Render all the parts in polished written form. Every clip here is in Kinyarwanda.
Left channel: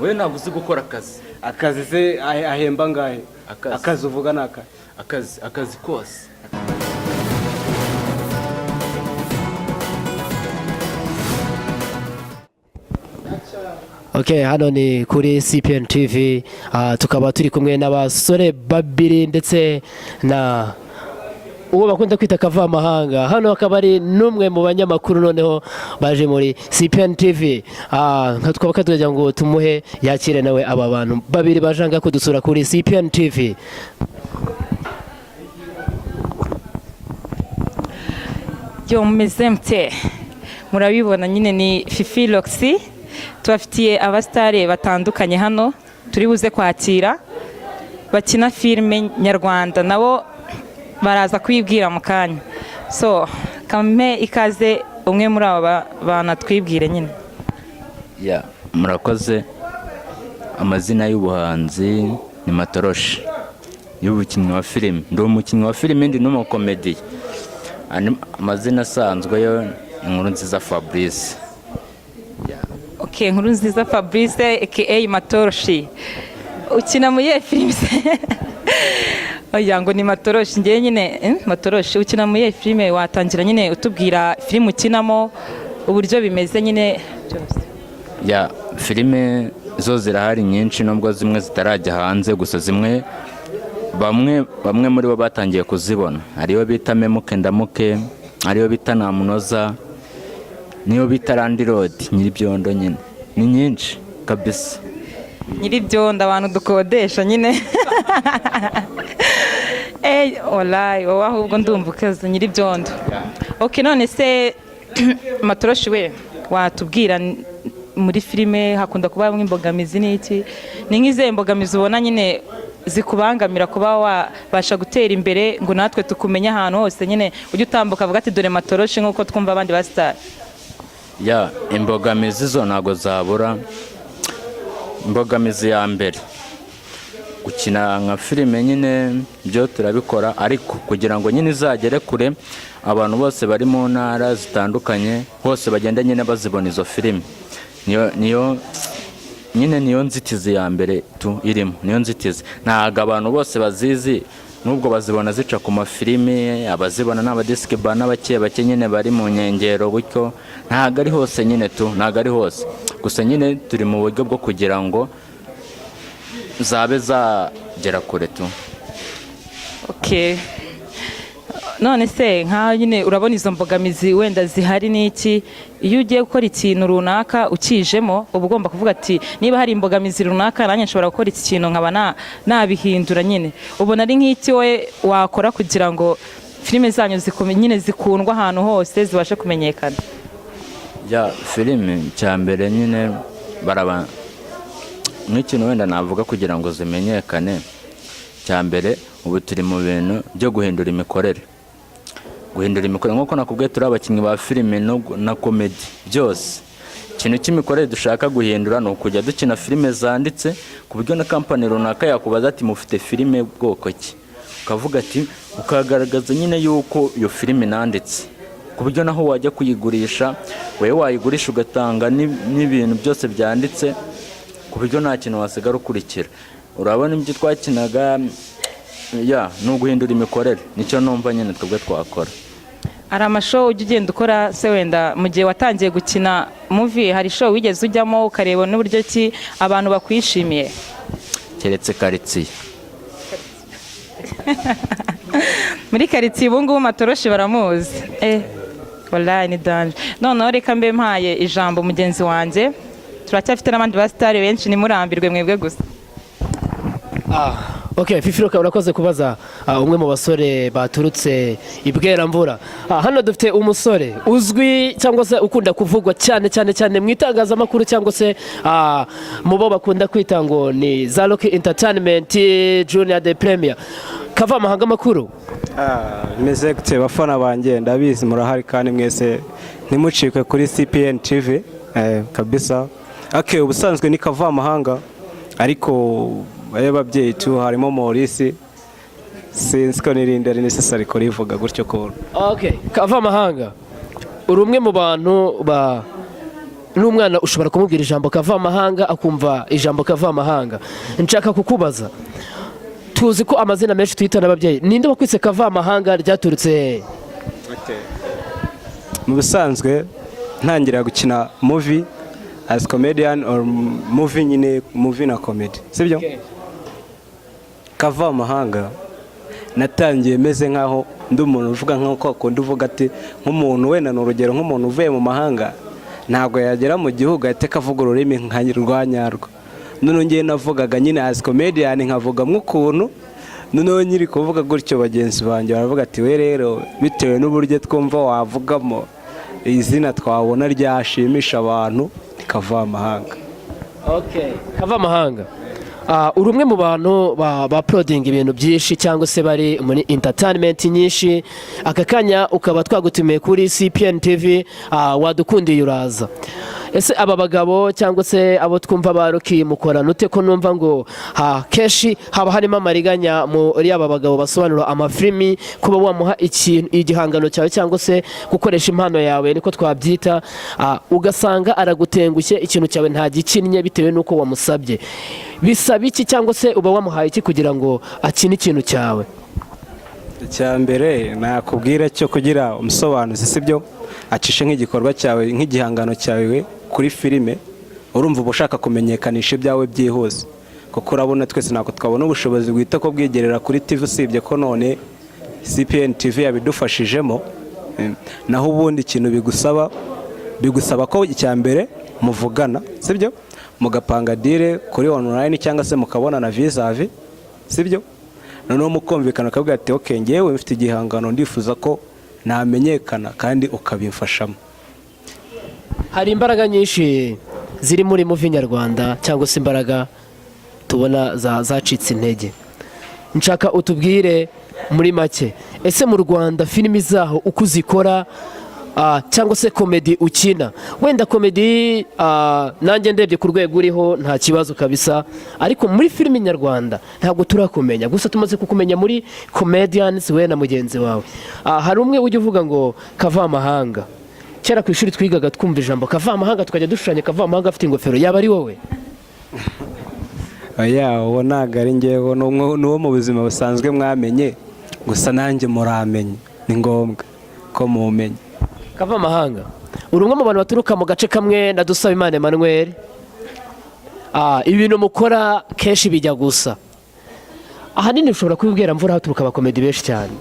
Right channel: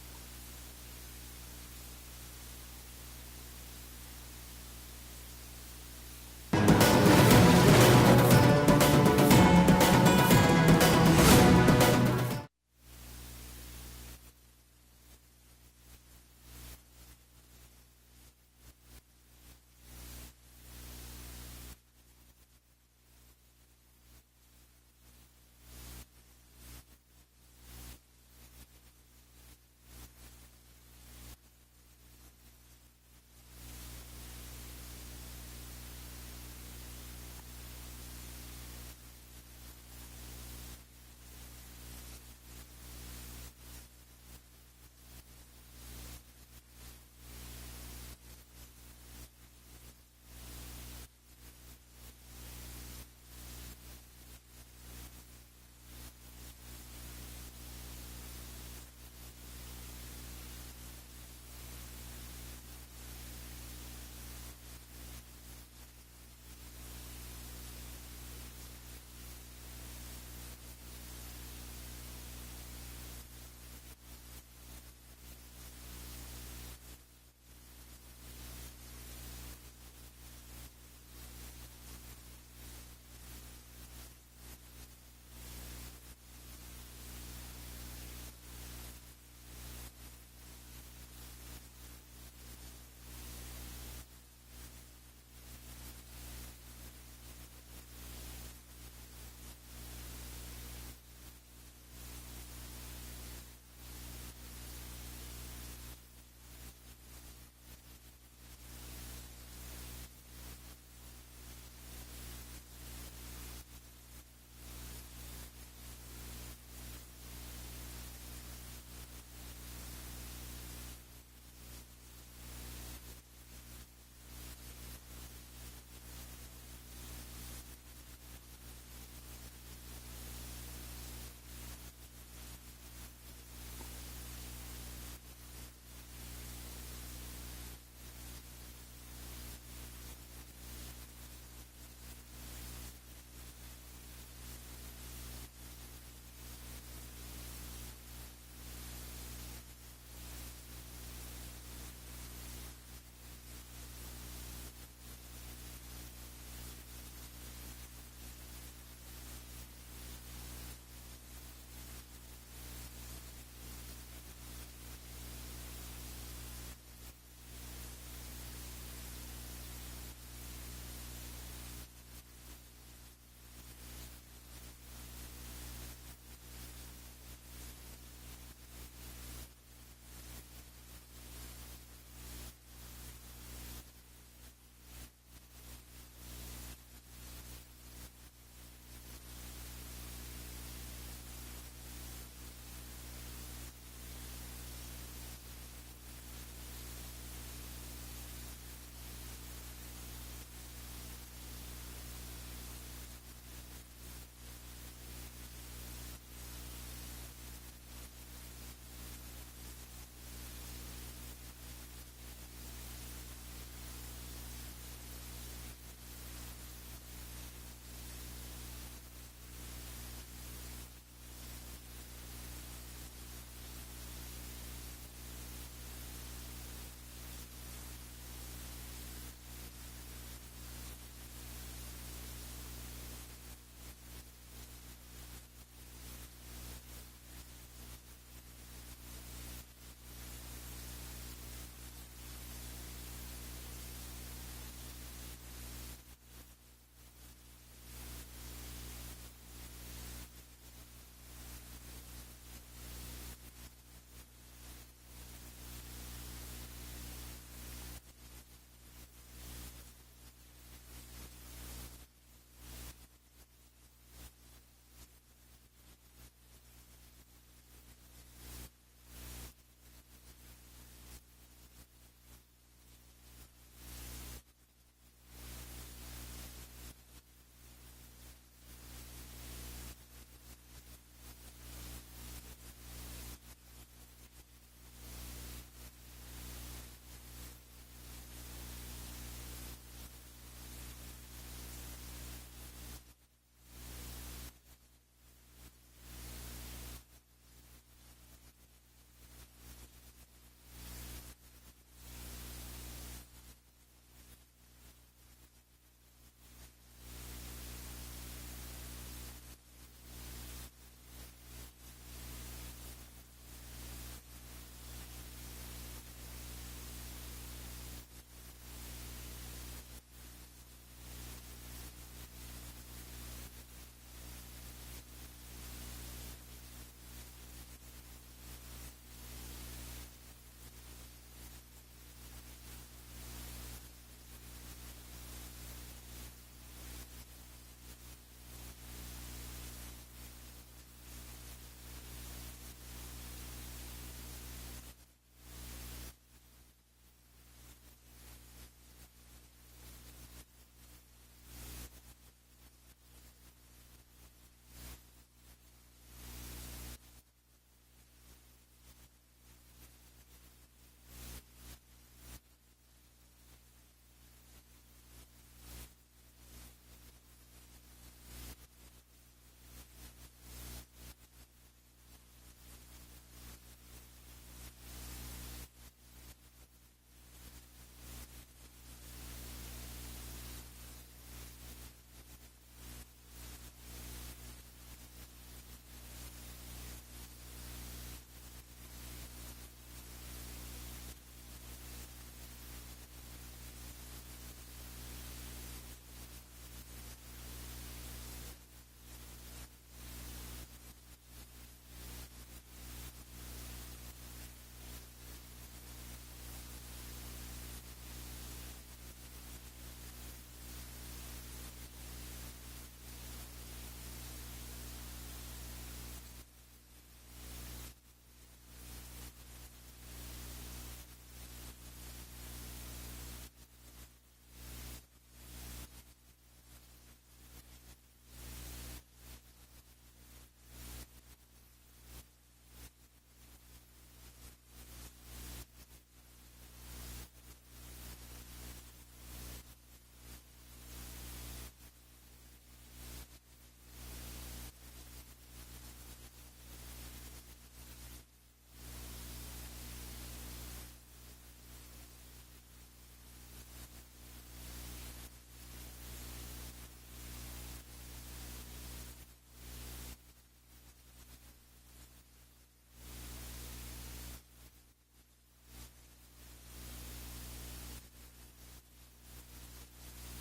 we ntabwo uzi gukora akazi. Akazi se ahemba ngahe? Akazi uvuga naka? Akazi kose. Okay, hano ni kuri CPN TV, tukaba turi kumwe n'abasore babiri ndetse na uwo bakunda kwita kavamahanga. Hano akaba ari numwe mu banyamakuru noneho baje muri CPN TV. Twaba katugira ngo tumuhe yakire nawe aba bantu babiri bajanga kudusura kuri CPN TV. Yo mumeze mte, murabibona nyine ni Fifi Roxy, tubafitiye abastare batandukanye hano turi buze kwakira bakina filime nyarwanda, nabo baraza kwibwira mu kanya. So kame ikaze umwe muri aba bana twibwire nyine. Ya murakoze. Amazina y'ubuhanzi ni Matoroshi, y'ubukinnyi wa filime. Ndi umukinnyi wa filime, ndi n'umukomedi. Amazina asanzwe yo Nkurunziza Fabrice. Okay, Nkurunziza Fabrice aka Matoroshi. Ukina muri filime se? Oya ngo ni Matoroshi, ngiye nyine Matoroshi. Ukina muri filime, watangira nyine utubwira filime ukinamo uburyo bimeze nyine byose. Ya filime zo zirahari nyinshi, nubwo zimwe zitarajya hanze, gusa zimwe bamwe muri bo batangiye kuzibona. Hariyo bita Memuke Ndamuke, hariyo bita Namunoza, niyo bita Landirod, Nyiribyondo nyine. Ni nyinshi kabisa. Nyiribyondo abantu dukodesha nyine. Olay, wowe ahubwo ndumva ukaze Nyiribyondo. Okay, none se Matoroshi we watubwira muri filime hakunda kuba imbogamizi n'iki? Ni nk'ize mbogamizi ubona nyine zikubangamira kuba wabasha gutera imbere ngo natwe tukumenya ahantu hose nyine ujye utambuka avuga ati dore Matoroshi nk'uko twumva abandi ba star? Ya imbogamizi zo ntago zabura. Imbogamizi ya mbere gukina nka filime nyine byo turabikora, ariko kugira ngo nyine izagere kure abantu bose bari mu ntara zitandukanye hose bagenda nyine bazibona izo filime, niyo nzitizi ya mbere tu irimo. Niyo nzitizi ntago abantu bose bazizi, nubwo bazibona zica ku mafilime, abazibona n'abadisike ba n'abake nyine bari mu nkengero gutyo. Ntago ari hose nyine tu, ntago ari hose, gusa nyine turi mu buryo bwo kugira ngo zabe zagera kure tu. Okay, none se nka nyine urabona izo mbogamizi wenda zihari n'iki? Iyo ugiye gukora ikintu runaka ukijemo uba ugomba kuvuga ati niba hari imbogamizi runaka nanjye nshobora gukora iki kintu nkaba nabihindura nyine. Ubona ari nk'iki we wakora kugira ngo filime zanyu nyine zikundwa ahantu hose zibashe kumenyekana? Ya filime cyambere nyine baraba nk'ikintu wenda navuga kugira ngo zimenyekane. Cyambere ubu turi mu bintu byo guhindura imikorere. Nk'uko nakubwiye turi abakinnyi ba filime na komedi byose. Ikintu cy'imikorere dushaka guhindura ni ukujya dukina filime zanditse ku buryo na kampani runaka yakubaza ati mufite filime bwoko ki, ukavuga ati ukagaragaza nyine yuko iyo filime nanditse, ku buryo naho wajya kuyigurisha wewe wayigurisha ugatanga n'ibintu byose byanditse, ku buryo nta kintu wasigara ukurikira. Urabona ibyo twakinaga ni uguhindura imikorere, nicyo numva nyine twebwe twakora. Hari amashow ujya ugenda ukora se wenda mu gihe watangiye gukina movie, hari show wigeze ujyamo ukareba n'uburyo ki abantu bakwishimiye? Keretse Karitsiye. Muri Karitsiye ubu ngubu Matoroshi baramuzi. Wallahi ni danje. Noneho reka mbe mpaye ijambo mugenzi wanjye, turacyafite n'abandi ba star benshi, nimurambirwe mwebwe gusa. Okay, Fifi urakoze kubaza umwe mu basore baturutse Ibweramvura. Hano dufite umusore uzwi cyangwa se ukunda kuvugwa cyane mu itangazamakuru cyangwa se mu bo bakunda kwita ngo ni za Rock Entertainment Junior de Premier. Kavamahanga makuru. Meze gute bafana banjye, ndabizi murahari kandi mwese ntimucikwe kuri CPN TV kabisa. Okay, ubusanzwe ni Kavamahanga, ariko ababyeyi tu harimo Maurice, sinzi ko nirindira necessary ko rivuga gutyo ko. Okay, Kavamahanga uri umwe mu bantu n'umwana ushobora kumubwira ijambo kavamahanga akumva ijambo kavamahanga. Nshaka kukubaza, tuzi ko amazina menshi twita n'ababyeyi, ninde wakwise kavamahanga, ryaturutse hehe? Mu bisanzwe ntangira gukina movie as comedian or movie nyine movie na comedy, sibyo? Kavamahanga natangiye meze nkaho ndi umuntu uvuga nk'uko akunda uvuga ati nk'umuntu wenda n'urugero nk'umuntu uvuye mu mahanga ntabwo yagera mu gihugu ahita akavuga ururimi nka rwanyarwo. Noneho ngiye navugaga nyine as comedian nkavuga nk'ukuntu, noneho nyiri kuvuga gutyo bagenzi banjye baravuga ati we rero bitewe n'uburyo twumva wavugamo izina twabona ryashimisha abantu kavamahanga. Okay, kavamahanga. Uri umwe mu bantu ba-uploading ibintu byinshi cyangwa se bari muri entertainment nyinshi. Aka kanya ukaba twagutumiye kuri CPN TV, wadukundiye uraza. Ese aba bagabo cyangwa se abo twumva baruki mukorana ute ko numva ngo keshi haba harimo amariganya muri aba bagabo basobanura amafilimi, kuba wamuha igihangano cyawe cyangwa se gukoresha impano yawe niko twabyita, ugasanga aragutengushye ikintu cyawe nta gikinnye bitewe n'uko wamusabye. Bisaba iki cyangwa se uba wamuhaye iki kugira ngo akine ikintu cyawe? Icyambere nakubwira cyo kugira umusobanuzi, sibyo? Acishe nk'igikorwa cyawe nk'igihangano cyawe kuri filime, urumva uba ushaka kumenyekanisha ibyawe byihuse, kuko urabona twese ntabwo twabona ubushobozi bwita ko bwigerera kuri TV, usibye ko none CPN TV yabidufashijemo. Naho ubundi ikintu bigusaba ko icyambere muvugana, sibyo? Mugapanga dire kuri online cyangwa se mukabonana vis-a-vis, sibyo? Noneho mukumvikana akavuga ati okay, ngewe mfite igihangano ndifuza ko namenyekana kandi ukabimfashamo. Hari imbaraga nyinshi ziri muri movie nyarwanda cyangwa se imbaraga tubona zacitse intege. Nshaka utubwire muri make, ese mu Rwanda filimi zaho uko uzikora cyangwa se komedi ukina, wenda komedi nanjye ndebye ku rwego uriho nta kibazo kabisa, ariko muri filimi nyarwanda ntabwo turakumenya, gusa tumaze kukumenya muri comedians we na mugenzi wawe. Hari umwe ujya uvuga ngo kavamahanga, kera ku ishuri twigaga twumva ijambo kavamahanga tukajya dushushanya kavamahanga afite ingofero, yaba ari wowe? Oya, uwo ntabwo ari ngewe, n'uwo mu buzima busanzwe mwamenye, gusa nanjye muramenye, ni ngombwa ko mumenye. Kavamahanga, uri umwe mu bantu baturuka mu gace kamwe na Dusabimana Emmanel. Ibintu mukora kenshi bijya gusa, ahanini ushobora kubibwira mvura haturuka abakomedi benshi cyane.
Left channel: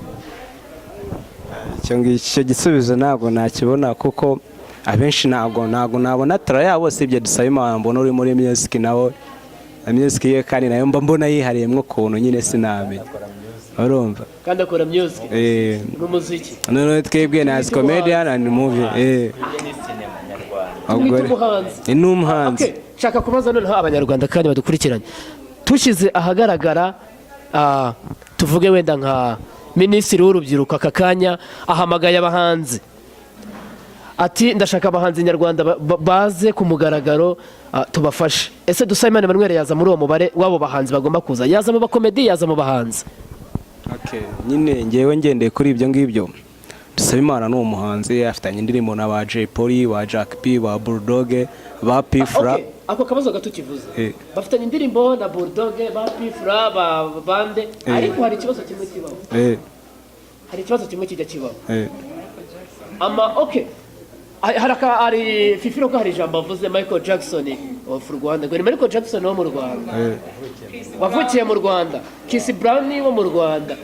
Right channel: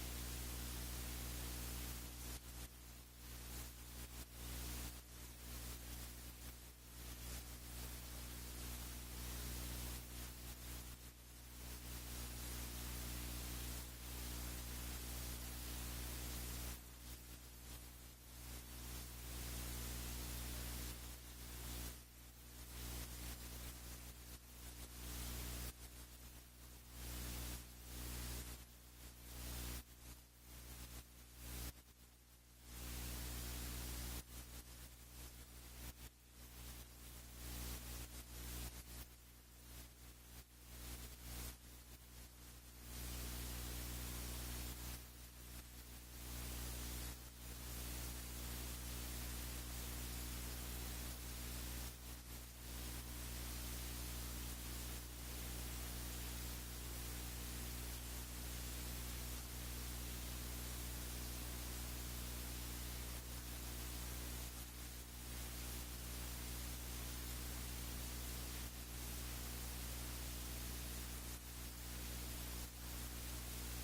Icyo gisubizo ntabwo nakibona, kuko abenshi ntabwo nabona tara yabo, sibye Dusabimana mbona uri muri music nawe music ye, kandi nayo mba mbona yihariyemo ukuntu nyine sinamenye, urumva? Kandi akora music n'umuziki. None twebwe na comedian and movie ni umuhanzi. Shaka kubaza noneho abanyarwanda kandi badukurikiranye, tushyize ahagaragara tuvuge wenda nka minisitiri w'urubyiruko aka kanya ahamagaye abahanzi ati ndashaka abahanzi nyarwanda baze ku mugaragaro tubafashe. Ese Dusabimana Emmanel yaza muri uwo mubare w'abo bahanzi bagomba kuza? Yaza mu bakomedi, yaza mu bahanzi? Nyine ngewe ngendeye kuri ibyo ngibyo, Dusabimana ni umuhanzi, afitanye indirimbo na ba Jay Polly, ba Jack P, ba Bulldog, ba Pifra. Ako kabazo gato kivuze, bafitanye indirimbo na Bulldog, ba Pifra, ba bande, ariko hari ikibazo kimwe kibaho. Hari ikibazo kimwe kijya kibaho. Hari Fifiro ko hari ijambo avuze Michael Jackson of Rwanda, ngo ni Michael Jackson wo mu Rwanda, wavukiye mu Rwanda, Kiss Brown wo mu Rwanda.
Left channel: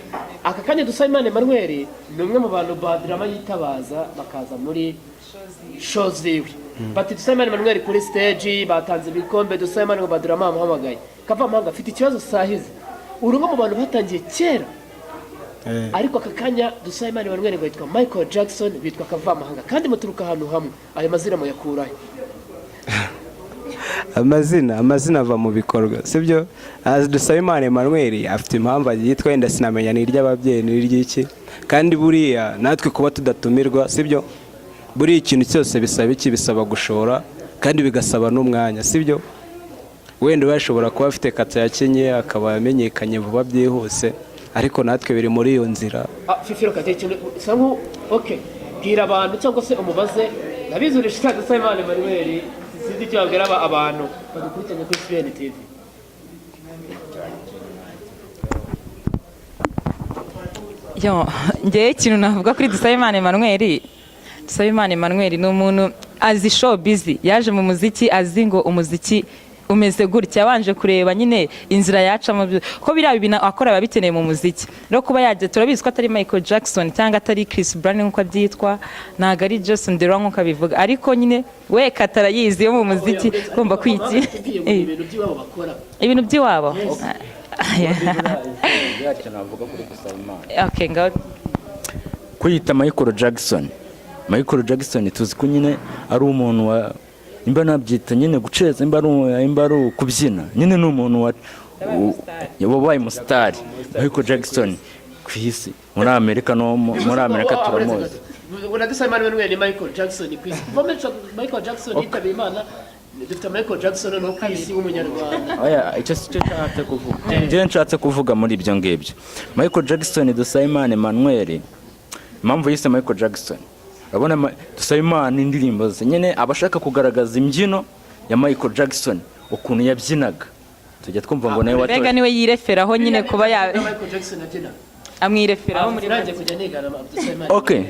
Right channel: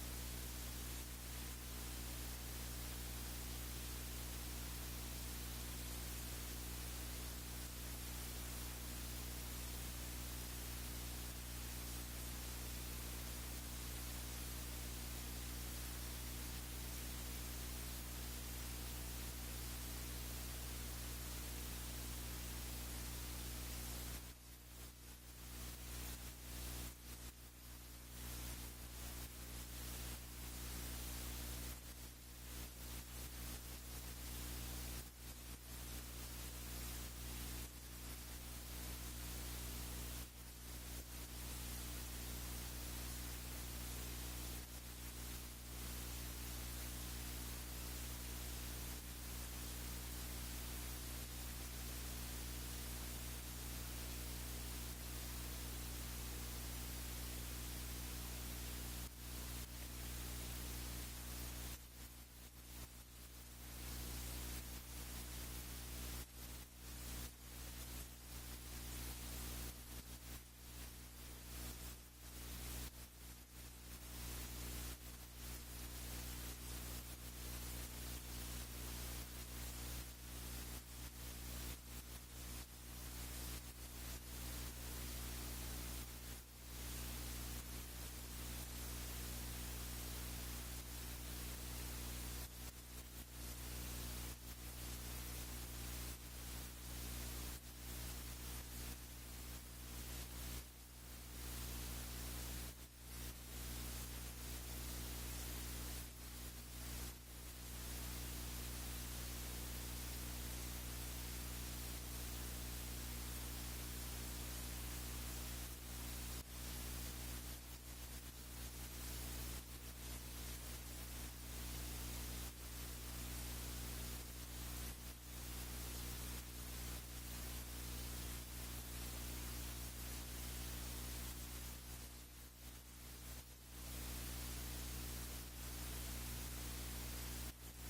Aka kanya Dusabimana Emmanel ni umwe mu bantu badrama yitabaza bakaza muri shows ziwe. Bati Dusabimana Emmanel kuri stage batanze ibikombe, Dusabimana ngo badrama amuhamagaye. Kavamahanga afite ikibazo sahize, uri umwe mu bantu batangiye kera, ariko aka kanya Dusabimana Emmanel ngo yitwa Michael Jackson, bitwa Kavamahanga, kandi muturuka ahantu hamwe. Ayo mazina muyakurahe? Amazina ava mu bikorwa, sibyo? Dusabimana Emmanel afite impamvu yitwa, wenda sinamenya ni iry'ababyeyi ni iry'iki, kandi buriya natwe kuba tudatumirwa, sibyo? Buriya ikintu cyose bisaba iki? Bisaba gushora kandi bigasaba n'umwanya, sibyo? Wenda bashobora kuba afite kata yakenye akaba amenyekanye vuba byihuse, ariko natwe biri muri iyo nzira. Fifiro kate ikintu sangu, okay, bwira abantu cyangwa se umubaze nabizi urishika Dusabimana Emmanel sinzi icyo wabwira abantu badukurikiranye kuri CPN TV. Ngewe ikintu navuga kuri Dusabimana Emmanel, Dusabimana Emmanel ni umuntu azi showbiz, yaje mu muziki azi ngo umuziki umeze gutya, yabanje kureba nyine inzira yacamo ko biriya bintu akora biba bikeneye mu muziki. Rero kuba yaje, turabizi ko atari Michael Jackson cyangwa atari Chris Brown nk'uko abyitwa, ntabwo ari Jason Derulo nk'uko abivuga, ariko nyine we katarayizi yo mu muziki ugomba kwiki ibintu by'iwabo. Okay, ngaho kwita Michael Jackson tuzi ko nyine ari umuntu wa imba nabyita nyine guceza imba ari kubyina nyine ni umuntu wabaye umusitari. Michael Jackson ku isi muri Amerika turamuzi. Ubona Dusabimana Emmanel ni Michael Jackson ku isi. Michael Jackson yitabiye Imana, dufite Michael Jackson no ku isi w'umunyarwanda. Oya, icyo nshatse kuvuga. Njye nshatse kuvuga muri ibyo ngibyo. Michael Jackson, Dusabimana Emmanel, impamvu yise Michael Jackson, urabona Dusabimana indirimbo ze nyine abashaka kugaragaza imbyino ya Michael Jackson ukuntu yabyinaga, tujya twumva ngo nawe Mbega niwe yireferaho nyine kuba ya Michael Jackson abyina amwireferaho muri nanjye kujya nigana Dusabimana. Okay,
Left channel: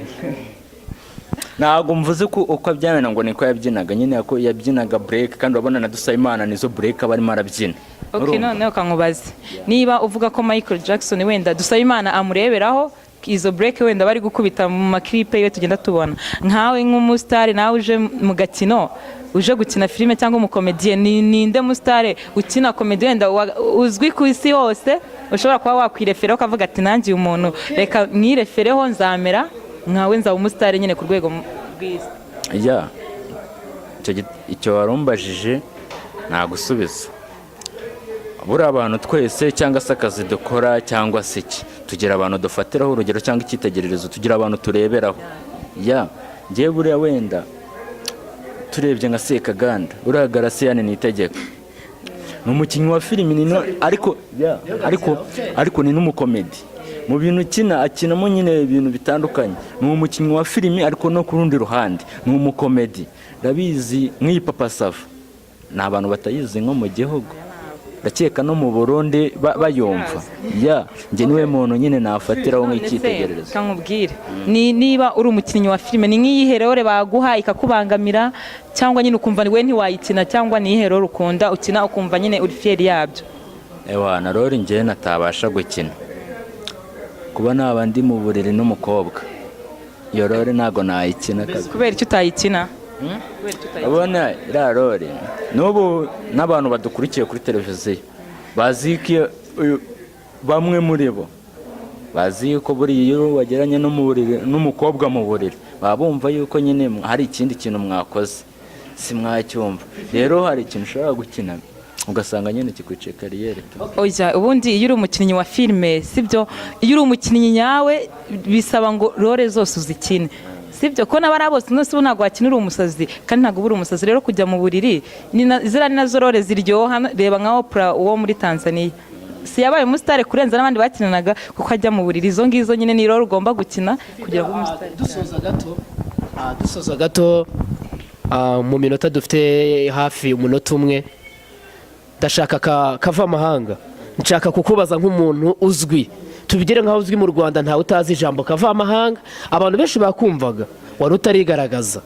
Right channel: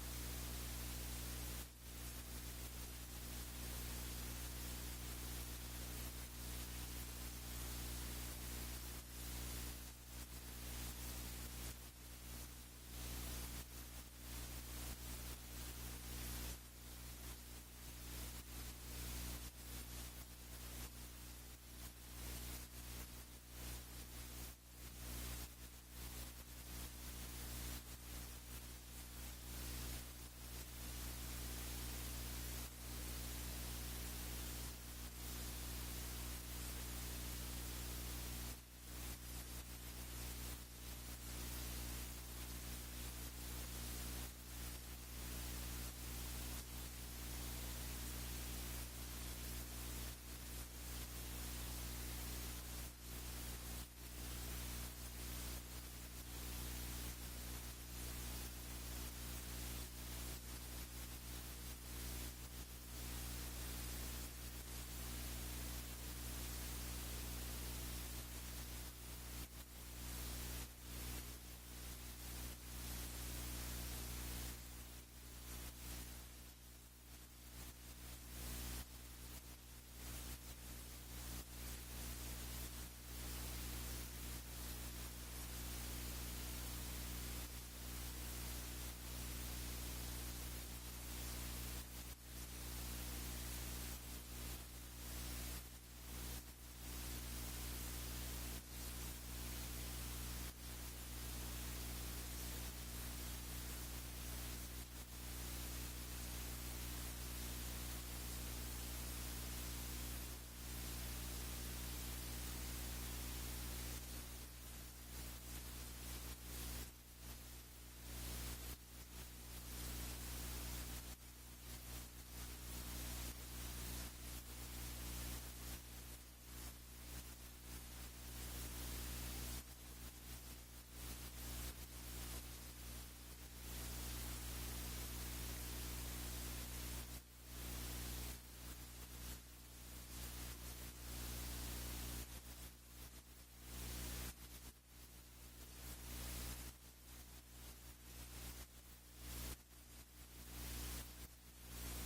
ntabwo mvuze ko uko abyamena ngo niko yabyinaga, nyine ko yabyinaga break, kandi urabona na Dusabimana nizo break aba arimo arabyina. Okay, noneho kankubaze, niba uvuga ko Michael Jackson wenda Dusabimana amureberaho izo break wenda bari gukubita mu maklipe yo tugenda tubona, nkawe nk'umusitari nawe uje mu gakino, uje gukina filime cyangwa umukomediye, ninde musitari ukina komedi wenda uzwi ku isi hose ushobora kuba wakwireferaho ukavuga ati nanjye uyu muntu reka mwirefereho nzamera nkawe, nzaba umusitari nyine ku rwego rw'isi? Icyo warumbajije nagusubiza. Buriya abantu twese cyangwa se akazi dukora cyangwa se iki, tugira abantu dufatiraho urugero cyangwa icyitegererezo, tugira abantu tureberaho. Ngewe buriya wenda turebye nka Sekaganda, uriya Garasiyani Niyitegeka ni umukinnyi wa filimi, ariko ni n'umukomedi. Mu bintu akinamo nyine ibintu bitandukanye. Ni umukinnyi wa filimi ariko no ku rundi ruhande ni umukomedi. Ndabizi nk'iyi Papa Sava ni abantu batayizi nko mu gihugu, ndakeka no mu Burundi bayumva. Njye niwe muntu nyine nafatiraho nk'icyitegererezo. Kankubwire, niba uri umukinnyi wa filime, ni nk'iyihe role baguha ikakubangamira, cyangwa nyine ukumva we ntiwayikina, cyangwa ni iyihe role ukunda ukina ukumva nyine uri fier yabyo? Na role njye natabasha gukina, kuba naba ndi mu buriri n'umukobwa, iyo role ntago nayikina. Kubera icyo utayikina? Abona iriya role n'ubu n'abantu badukurikiye kuri televiziyo bazi ko bamwe muri bo bazi ko buriya iyo wageranye n'umukobwa mu buriri baba bumva yuko nyine hari ikindi kintu mwakoze si mwacyumva. Rero hari ikintu ushobora gukina ugasanga nyine kikwicaye kariyeri. Ubundi iyo uri umukinnyi wa filime, sibyo, iyo uri umukinnyi nyawe bisaba ngo role zose uzikine, sibyo, ko n'abari bose nose ntabwo wakinira umusazi kandi ntabwo uri umusazi. Rero kujya mu buriri ziriya ni nazo role ziryoha. Reba nka Oprah uwo muri Tanzania, si yabaye umusitari kurenza n'abandi bakinanaga kuko ajya mu buriri. Izo ngizo nyine ni role ugomba gukina kugira ngo umusitari. Dusoza gato mu minota dufite hafi umunota umwe, ndashaka kava amahanga, nshaka kukubaza nk'umuntu uzwi, tubigire nk'aho uzwi mu Rwanda ntawe utazi ijambo kava amahanga, abantu benshi bakumvaga wari utarigaragaza,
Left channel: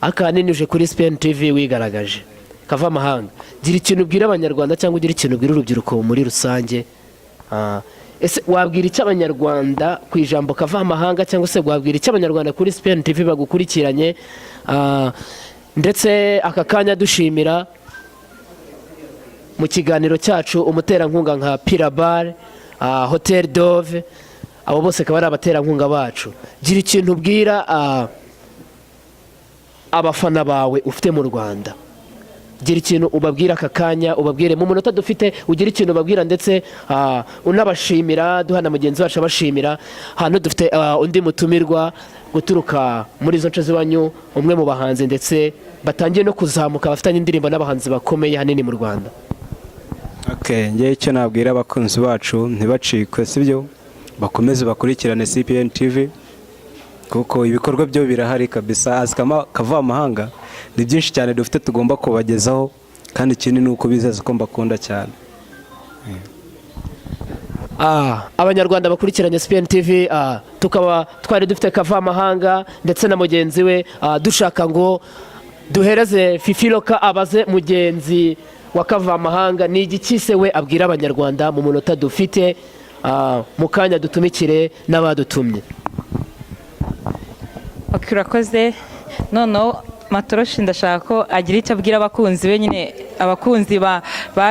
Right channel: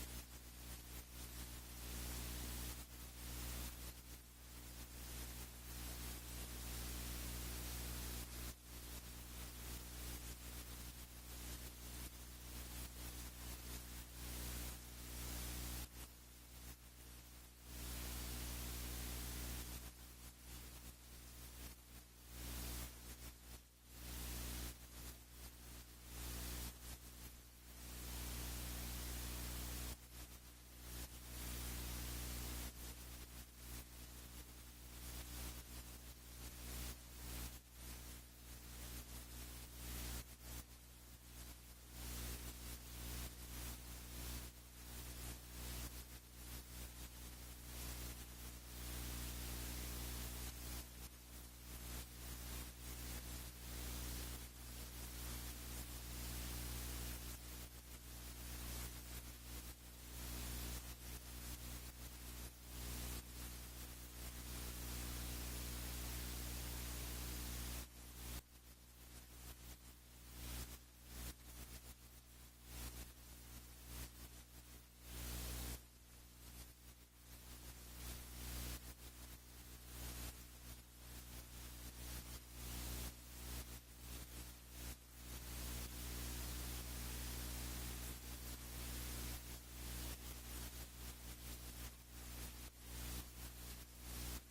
akanini uje kuri CPN TV wigaragaje. Kava amahanga, gira ikintu ubwira abanyarwanda cyangwa ugira ikintu ubwira urubyiruko muri rusange. Ese wabwira icyo abanyarwanda ku ijambo kava amahanga, cyangwa se wabwira icyo abanyarwanda kuri CPN TV bagukurikiranye? Ndetse aka kanya dushimira mu kiganiro cyacu umuterankunga nka Pirabar, Hotel Dove, abo bose akaba ari abaterankunga bacu. Gira ikintu ubwira abafana bawe ufite mu Rwanda, gira ikintu ubabwira aka kanya, ubabwire mu munota dufite, ugira ikintu ubabwira ndetse unabashimira, duhana mugenzi wacu abashimira. Hano dufite undi mutumirwa guturuka muri izo nce z'iwanyu, umwe mu bahanzi ndetse batangiye no kuzamuka, bafitanye indirimbo n'abahanzi bakomeye hanini mu Rwanda. Ngewe icyo nabwira abakunzi bacu ntibacikwe, sibyo, bakomeze bakurikirane CPN TV, kuko ibikorwa byo birahari kabisa. Azi kavamahanga ni byinshi cyane dufite tugomba kubagezaho, kandi ikindi ni uko bizeza ko mbakunda cyane. Abanyarwanda bakurikiranye CPN TV, tukaba twari dufite kavamahanga ndetse na mugenzi we, dushaka ngo duhereze Fifiroka abaze mugenzi wa kavamahanga ni igiki se we abwira abanyarwanda mu munota dufite, mu kanya dutumikire n'abadutumye. urakoze. Noneho Matoroshi ndashaka ko agira icyo abwira abakunzi be, nyine abakunzi ba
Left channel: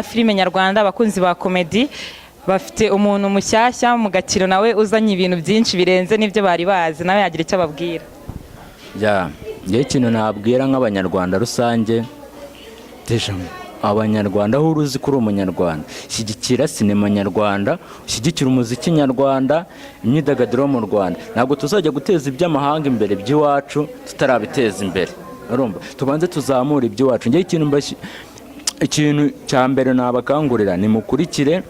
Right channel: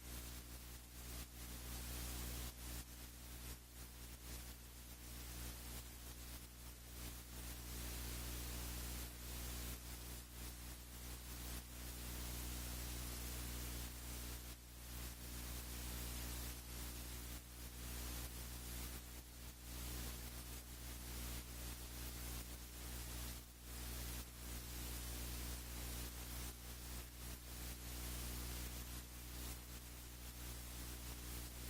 filime nyarwanda, abakunzi ba komedi. Bafite umuntu mushyashya mu Gakiro nawe uzanye ibintu byinshi birenze n'ibyo bari bazi, nawe yagira icyo ababwira. Ngewe ikintu nabwira nk'abanyarwanda rusange, abanyarwanda aho uruzi ko uri umunyarwanda, shyigikira sinema nyarwanda, ushyigikira umuziki nyarwanda, imyidagaduro mu Rwanda. Ntabwo tuzajya guteza iby'amahanga imbere by'iwacu tutarabiteza imbere. Tubanze tuzamura iby'iwacu. Ngewe ikintu cya mbere nabakangurira ni mukurikire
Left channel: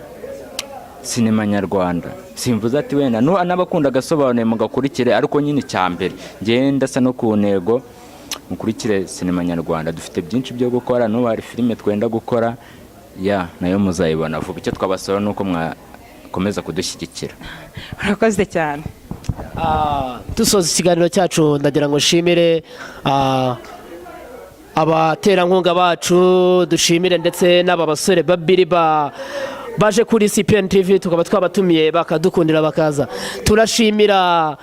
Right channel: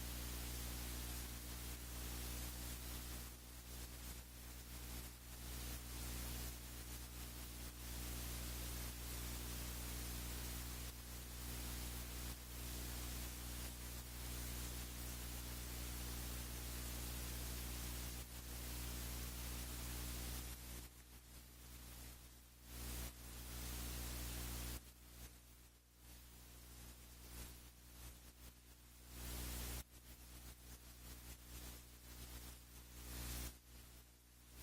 sinema nyarwanda. Simvuze ati wenda n'abakunda agasobanuye mugakurikire, ariko nyine icya mbere ngenda asa no ku ntego, mukurikire sinema nyarwanda. Dufite byinshi byo gukora, n'ubu hari filime twenda gukora nayo muzayibona vuba. Icyo twabasaba ni uko mwakomeza kudushyigikira. Urakoze cyane. Dusoza ikiganiro cyacu, ndagira ngo nshimire abaterankunga bacu, dushimire ndetse n'aba basore babiri baje kuri CPN TV, tukaba twabatumiye bakadukundira bakaza. Turashimira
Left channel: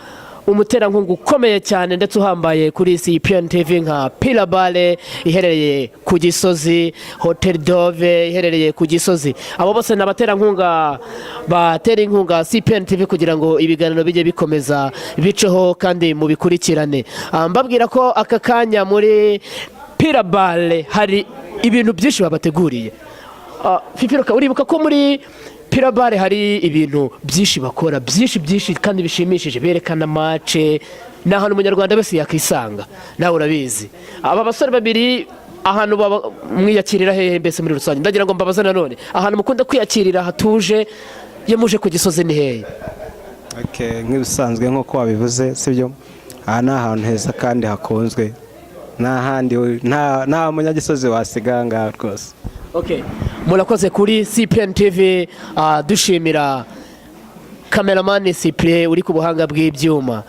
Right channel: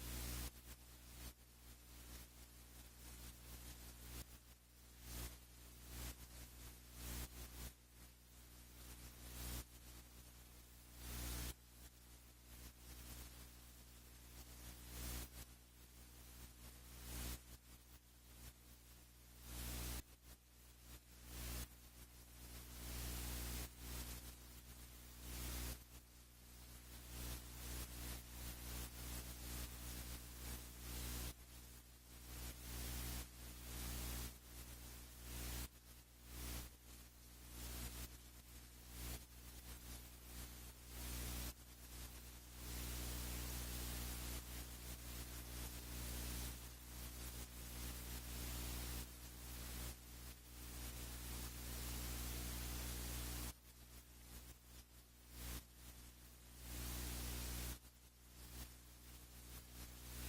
umuterankunga ukomeye cyane ndetse uhambaye kuri CPN TV nka Pilabale iherereye ku Gisozi, Hotel Dove iherereye ku Gisozi. Abo bose ni abaterankunga batera inkunga CPN TV kugira ngo ibiganiro bijye bikomeza biceho kandi mubikurikirane. Mbabwira ko aka kanya muri Pilabale hari ibintu byinshi babateguriye. Fifiroka, uribuka ko muri Pilabale hari ibintu byinshi bakora, byinshi kandi bishimishije, berekana mace, ni ahantu umunyarwanda wese yakisanga, nawe urabizi. Aba basore babiri ahantu mwiyakirira hehe mbese muri rusange? Ndagira ngo mbabaze nanone, ahantu mukunda kwiyakirira hatuje iyo muje ku Gisozi ni hehe? Nk'ibisanzwe nk'uko wabivuze, sibyo? Aha ni ahantu heza kandi hakunzwe, nta munyagisozi wasiga ngaha rwose. Murakoze kuri CPN TV. Dushimira kameramani Cyprien uri ku buhanga bw'ibyuma.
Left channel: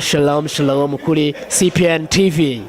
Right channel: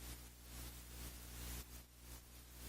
Shalom kuri CPN TV.